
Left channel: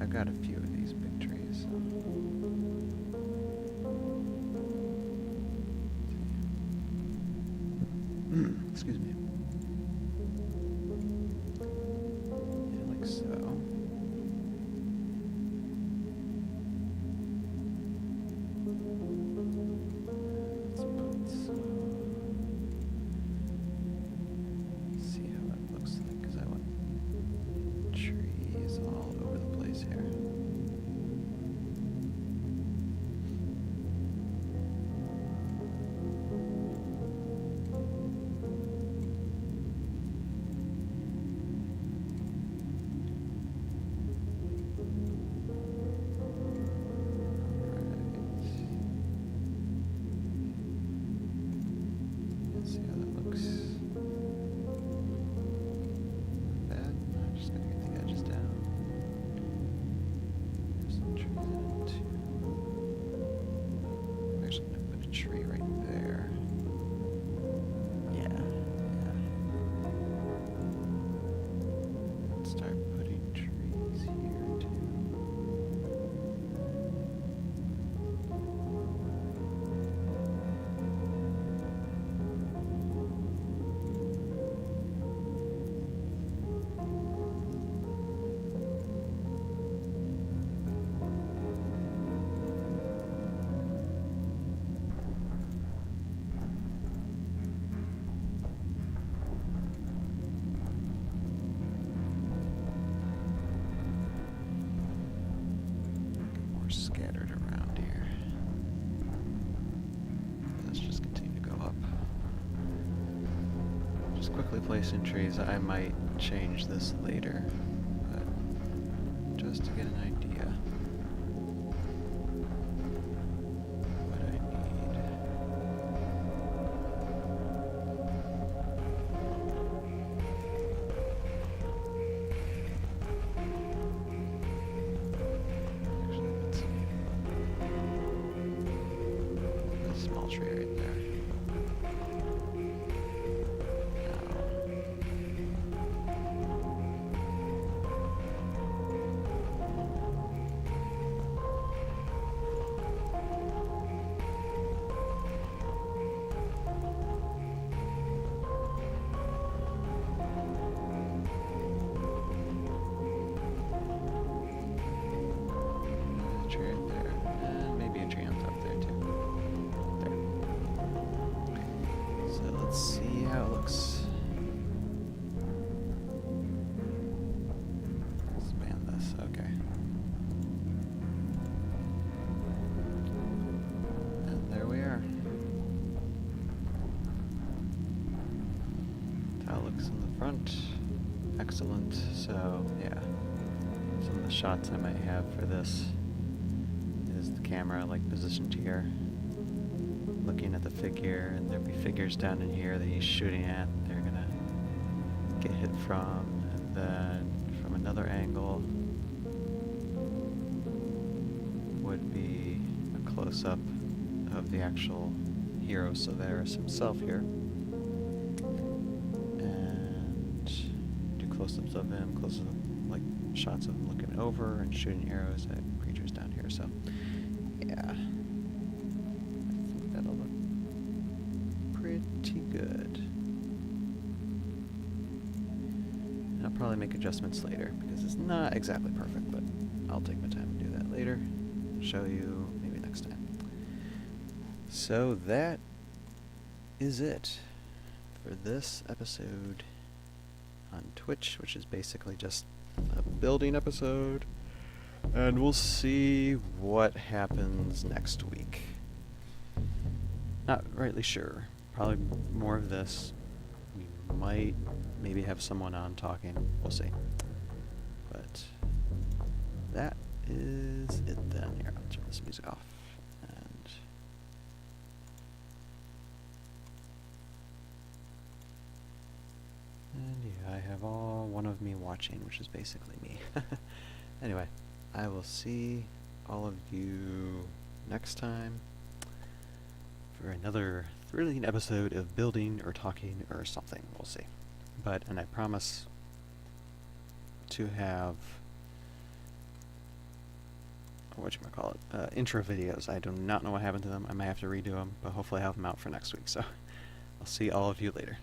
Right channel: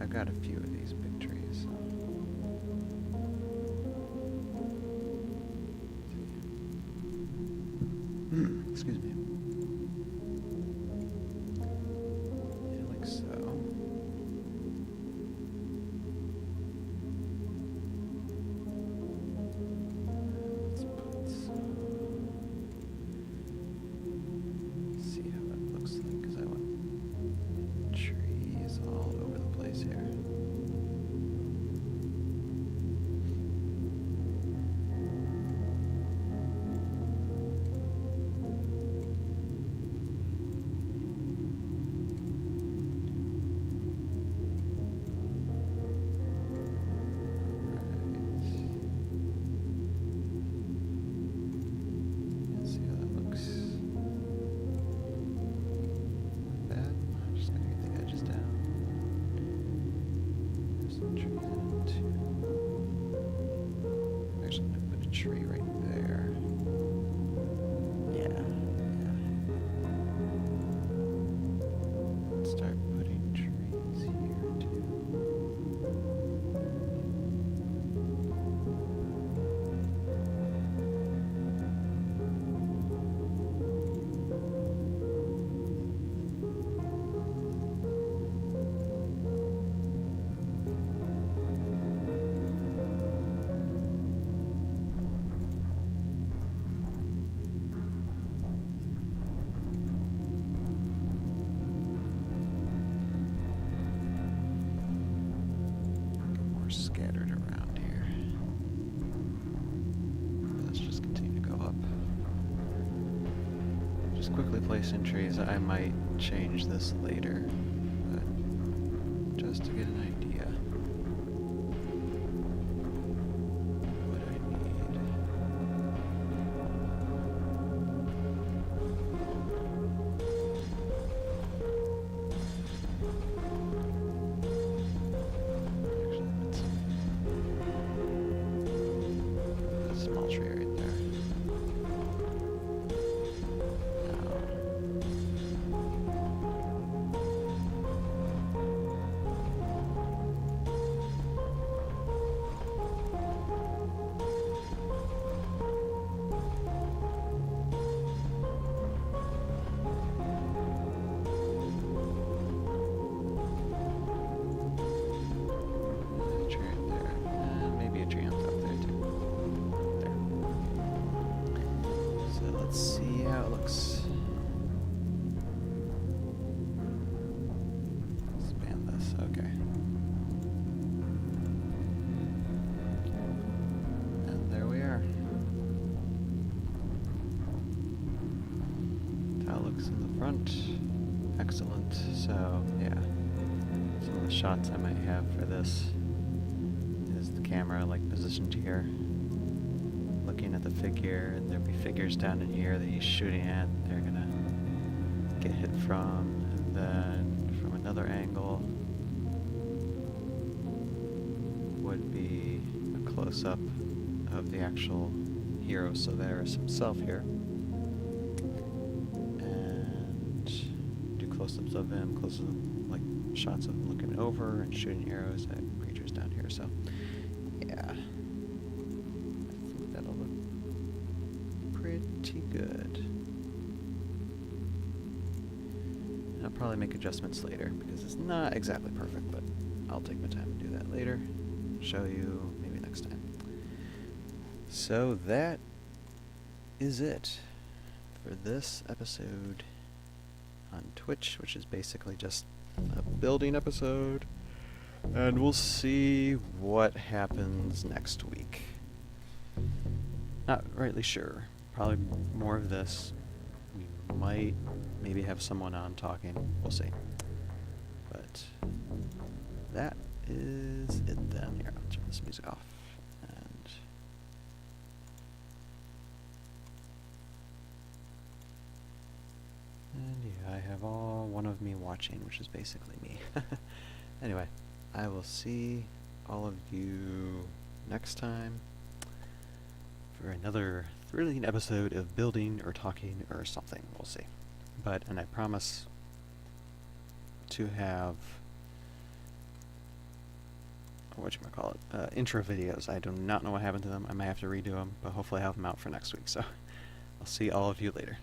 I've got a few of these big trees. So. Excuse me. Yeah, like so. Let's put some. See how it looks like, because I want trees all over the place here. Tree right there. Yeah. Let's start putting trees here too. Scattered around here. Let's just continue to go up. Just quickly placing trees. I might change this later, but just to get an idea what I need. Small tree right there. There's a tree right there, and maybe a tree on top there too. So let's see how it looks. Expand this, okay. And there we are. That looks in the front. Excellent. So, yeah. Some of the shots I might have for this is the camera like positioned here, looking at the figure, and there'll be figures down in here that he's shooting at. They're gonna get hit from, and then from another angle would be a close-up of the actual hero, so there's himself here. And do close-ups of him, close-up, like, shots of him looking over and shooting arrows at creatures down here, so yeah. I think that'll look pretty good. And I'll probably make adjustments later, because it's not exactly perfect, but I'll take my time and do that later. Show you maybe next time. So that is it for this episode on Twitch, which is basically just a building episode. And we'll see what happens next week. Not rightly sure. Probably more of this. We might maybe have someone on talking. We'll see. But that is it then. Here, I'll turn this music off. And yeah, I have all one of me watching, which is basically me. Anyway, I will see all of you next time for another thrilling episode of building or talking or something. We'll see. And I promise to have intro videos. I do not know what happened to them. I might have to redo them, but hopefully I have them out for next week. So I'll see all of you later.